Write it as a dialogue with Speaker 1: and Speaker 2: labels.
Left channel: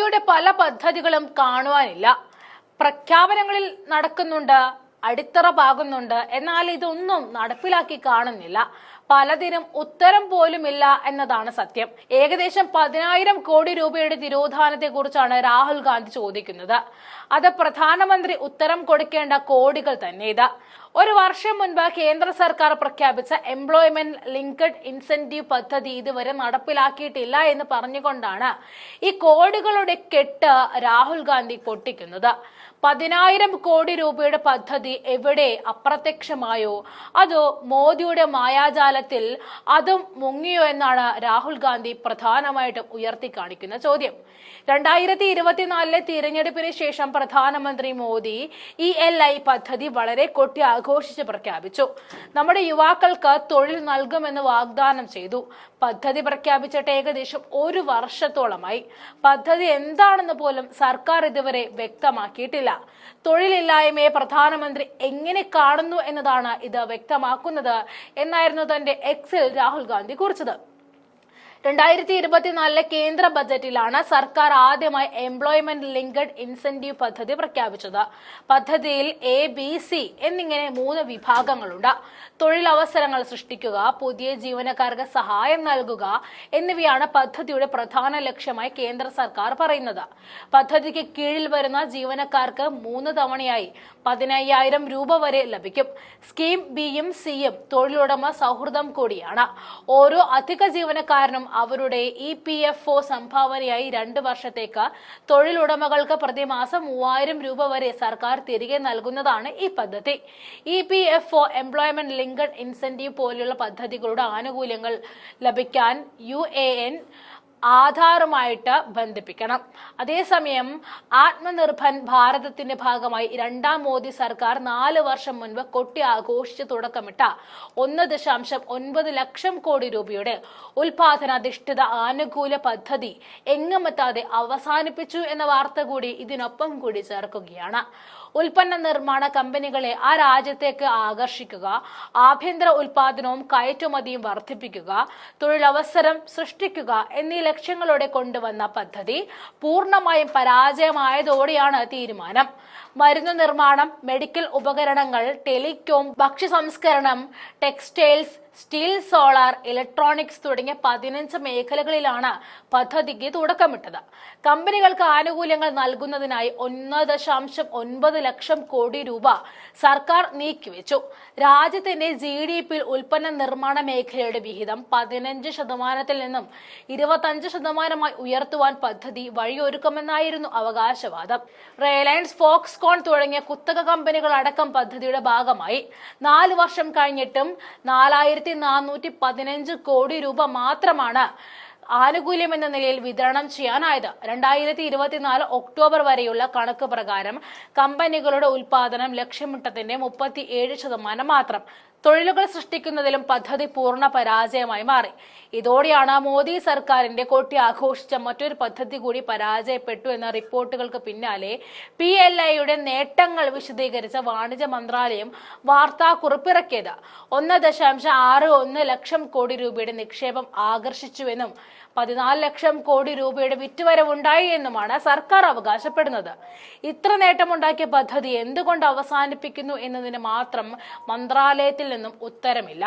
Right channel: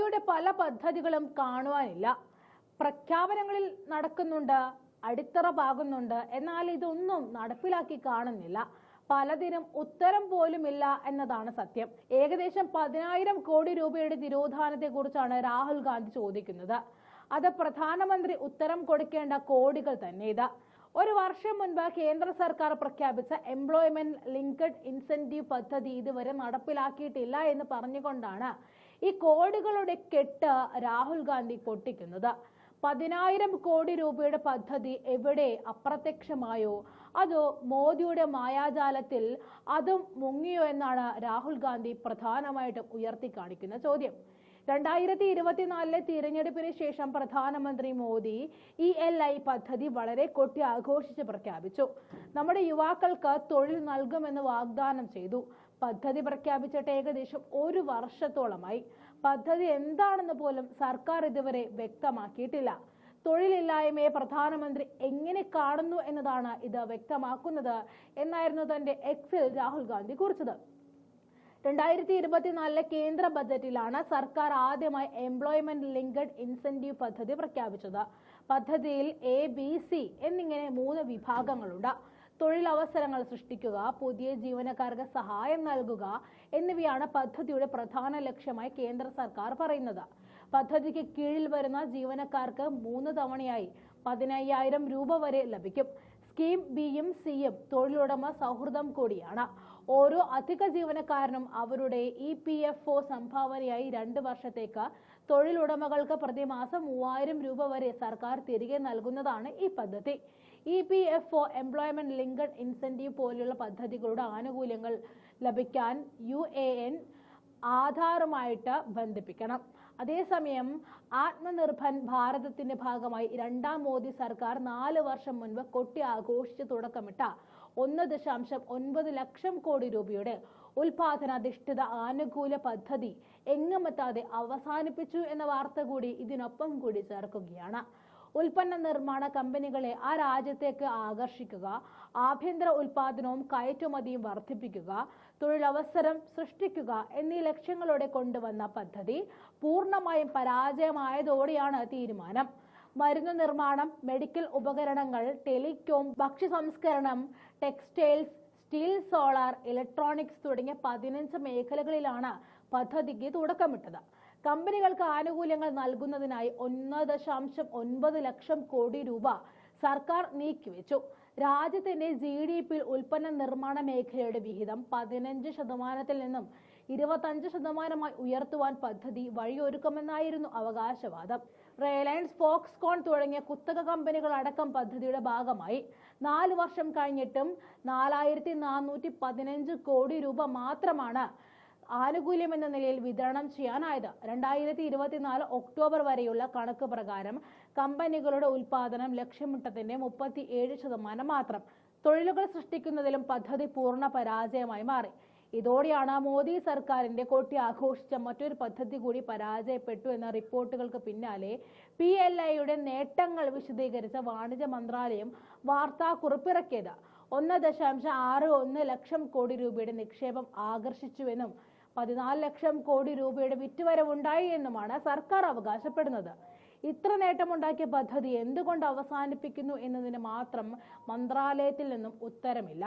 Speaker 1: മോദിയുടെ പല പദ്ധതികളും കാണുവാനില്ല. പ്രഖ്യാപനങ്ങളിൽ നടക്കുന്നുണ്ട് അടിത്തറ പാകുന്നുണ്ട്. എന്നാൽ ഇതൊന്നും നടപ്പിലാക്കി കാണുന്നില്ല. പലതിനും ഉത്തരം പോലുമില്ല എന്നതാണ് സത്യം. ഏകദേശം പതിനായിരം കോടി രൂപയുടെ തിരോധാനത്തെ കുറിച്ചാണ് രാഹുൽ ഗാന്ധി ചോദിക്കുന്നത്. അത് പ്രധാനമന്ത്രി ഉത്തരം കൊടുക്കേണ്ട കോടികൾ തന്നെ ഇത്. ഒരു വർഷം മുൻപ് കേന്ദ്ര സർക്കാർ പ്രഖ്യാപിച്ച എംപ്ലോയ്മെന്റ് ലിങ്ക്ഡ് ഇൻസെന്റീവ് പദ്ധതി ഇതുവരെ നടപ്പിലാക്കിയിട്ടില്ല എന്ന് പറഞ്ഞുകൊണ്ടാണ് ഈ കോടികളുടെ കെട്ട് രാഹുൽ ഗാന്ധി പൊട്ടിക്കുന്നത്. പതിനായിരം കോടി രൂപയുടെ പദ്ധതി എവിടെ അപ്രത്യക്ഷമായോ? അതോ മോദിയുടെ മായാജാലത്തിൽ അതും മുങ്ങിയോ എന്നാണ് രാഹുൽ ഗാന്ധി പ്രധാനമായിട്ടും ഉയർത്തി കാണിക്കുന്ന ചോദ്യം. രണ്ടായിരത്തി ഇരുപത്തിനാലിലെ തിരഞ്ഞെടുപ്പിന് ശേഷം പ്രധാനമന്ത്രി മോദി ഇ എൽ ഐ പദ്ധതി വളരെ കൊട്ടി ആഘോഷിച്ച് പ്രഖ്യാപിച്ചു. നമ്മുടെ യുവാക്കൾക്ക് തൊഴിൽ നൽകുമെന്ന് വാഗ്ദാനം ചെയ്തു. പദ്ധതി പ്രഖ്യാപിച്ചിട്ട് ഏകദേശം ഒരു വർഷത്തോളമായി. പദ്ധതി എന്താണെന്ന് പോലും സർക്കാർ ഇതുവരെ വ്യക്തമാക്കിയിട്ടില്ല. തൊഴിലില്ലായ്മയെ പ്രധാനമന്ത്രി എങ്ങനെ കാണുന്നു എന്നതാണ് ഇത് വ്യക്തമാക്കുന്നത് എന്നായിരുന്നു തന്റെ എക്സിൽ രാഹുൽ ഗാന്ധി കുറിച്ചത്. രണ്ടായിരത്തി ഇരുപത്തിനാലിലെ കേന്ദ്ര ബജറ്റിലാണ് സർക്കാർ ആദ്യമായി എംപ്ലോയ്മെന്റ് ലിങ്ക്ഡ് ഇൻസെന്റീവ് പദ്ധതി പ്രഖ്യാപിച്ചത്. പദ്ധതിയിൽ എ ബി സി എന്നിങ്ങനെ മൂന്ന് വിഭാഗങ്ങളുണ്ട്. തൊഴിലവസരങ്ങൾ സൃഷ്ടിക്കുക പുതിയ ജീവനക്കാർക്ക് സഹായം നൽകുക എന്നിവയാണ് പദ്ധതിയുടെ പ്രധാന ലക്ഷ്യമായി കേന്ദ്ര സർക്കാർ പറയുന്നത്. പദ്ധതിക്ക് കീഴിൽ വരുന്ന ജീവനക്കാർക്ക് മൂന്ന് തവണയായി പതിനയ്യായിരം രൂപ വരെ ലഭിക്കും. സ്കീം ബിയും സിയും തൊഴിലുടമ സൗഹൃദം കൂടിയാണ്. ഓരോ അധിക ജീവനക്കാരനും അവരുടെ ഇ പി എഫ് ഒ സംഭാവനയായി രണ്ട് വർഷത്തേക്ക് തൊഴിലുടമകൾക്ക് പ്രതിമാസം മൂവായിരം രൂപ വരെ സർക്കാർ തിരികെ നൽകുന്നതാണ് ഈ പദ്ധതി. E P F O employment linked incentive പോലെയുള്ള പദ്ധതികളുടെ ആനുകൂല്യങ്ങൾ ലഭിക്കാൻ യു എ എൻ ആധാറുമായിട്ട് ബന്ധിപ്പിക്കണം. അതേസമയം ആത്മനിർഭർ ഭാരതത്തിന്റെ ഭാഗമായി രണ്ടാം മോദി സർക്കാർ നാല് വർഷം മുൻപ് കൊട്ടി ആഘോഷിച്ച് തുടക്കമിട്ട ഒന്ന് ദശാംശം ഒൻപത് ലക്ഷം കോടി രൂപയുടെ ഉൽപാദനാധിഷ്ഠിത ആനുകൂല പദ്ധതി എങ്ങുമെത്താതെ അവസാനിപ്പിച്ചു എന്ന വാർത്ത കൂടി ഇതിനൊപ്പം കൂടി ചേർക്കുകയാണ്. ഉൽപ്പന്ന നിർമ്മാണ കമ്പനികളെ ആ രാജ്യത്തേക്ക് ആകർഷിക്കുക ആഭ്യന്തര ഉൽപാദനവും കയറ്റുമതിയും വർദ്ധിപ്പിക്കുക തൊഴിലവസരം സൃഷ്ടിക്കുക എന്നീ ലക്ഷ്യങ്ങളോടെ കൊണ്ടുവന്ന പദ്ധതി പൂർണമായും പരാജയമായതോടെയാണ് തീരുമാനം. മരുന്ന് നിർമ്മാണം മെഡിക്കൽ ഉപകരണങ്ങൾ ടെലികോം ഭക്ഷ്യ സംസ്കരണം ടെക്സ്റ്റൈൽസ് സ്റ്റീൽ സോളാർ ഇലക്ട്രോണിക്സ് തുടങ്ങിയ പതിനഞ്ച് മേഖലകളിലാണ് പദ്ധതിക്ക് തുടക്കമിട്ടത്. കമ്പനികൾക്ക് ആനുകൂല്യങ്ങൾ നൽകുന്നതിനായി ഒന്ന് ദശാംശം ഒൻപത് ലക്ഷം കോടി രൂപ സർക്കാർ നീക്കിവെച്ചു. രാജ്യത്തിന്റെ ജി ഡി പിയിൽ ഉൽപ്പന്ന നിർമ്മാണ മേഖലയുടെ വിഹിതം പതിനഞ്ച് ശതമാനത്തിൽ നിന്നും ഇരുപത്തഞ്ച് ശതമാനമായി ഉയർത്തുവാൻ പദ്ധതി വഴിയൊരുക്കുമെന്നായിരുന്നു അവകാശവാദം. റിലയൻസ് ഫോക്സ്കോൺ തുടങ്ങിയ കുത്തക കമ്പനികൾ അടക്കം പദ്ധതിയുടെ ഭാഗമായി. നാല് വർഷം കഴിഞ്ഞിട്ടും നാലായിരത്തി നാനൂറ്റി പതിനഞ്ച് കോടി രൂപ മാത്രമാണ് ആനുകൂല്യം എന്ന നിലയിൽ വിതരണം ചെയ്യാനായത്. രണ്ടായിരത്തി ഇരുപത്തിനാല് ഒക്ടോബർ വരെയുള്ള കണക്ക് പ്രകാരം കമ്പനികളുടെ ഉൽപാദനം ലക്ഷ്യമിട്ടതിന്റെ മുപ്പത്തി ഏഴ് ശതമാനം മാത്രം. തൊഴിലുകൾ സൃഷ്ടിക്കുന്നതിലും പദ്ധതി പൂർണ പരാജയമായി മാറി. ഇതോടെയാണ് മോദി സർക്കാരിന്റെ കൊട്ടി ആഘോഷിച്ച മറ്റൊരു പദ്ധതി കൂടി പരാജയപ്പെട്ടു എന്ന റിപ്പോർട്ടുകൾക്ക് പിന്നാലെ പി എൽ ഐയുടെ നേട്ടങ്ങൾ വിശദീകരിച്ച വാണിജ്യ മന്ത്രാലയം വാർത്താ കുറിപ്പിറക്കിയത്. ഒന്ന് ദശാംശം ആറ് ഒന്ന് ലക്ഷം കോടി രൂപയുടെ നിക്ഷേപം ആകർഷിച്ചുവെന്നും പതിനാല് ലക്ഷം കോടി രൂപയുടെ വിറ്റുവരവുണ്ടായി എന്നുമാണ് സർക്കാർ അവകാശപ്പെടുന്നത്. ഇത്ര നേട്ടമുണ്ടാക്കിയ പദ്ധതി എന്തുകൊണ്ട് അവസാനിപ്പിക്കുന്നു എന്നതിന് മാത്രം മന്ത്രാലയത്തിൽ നിന്നും ഉത്തരമില്ല.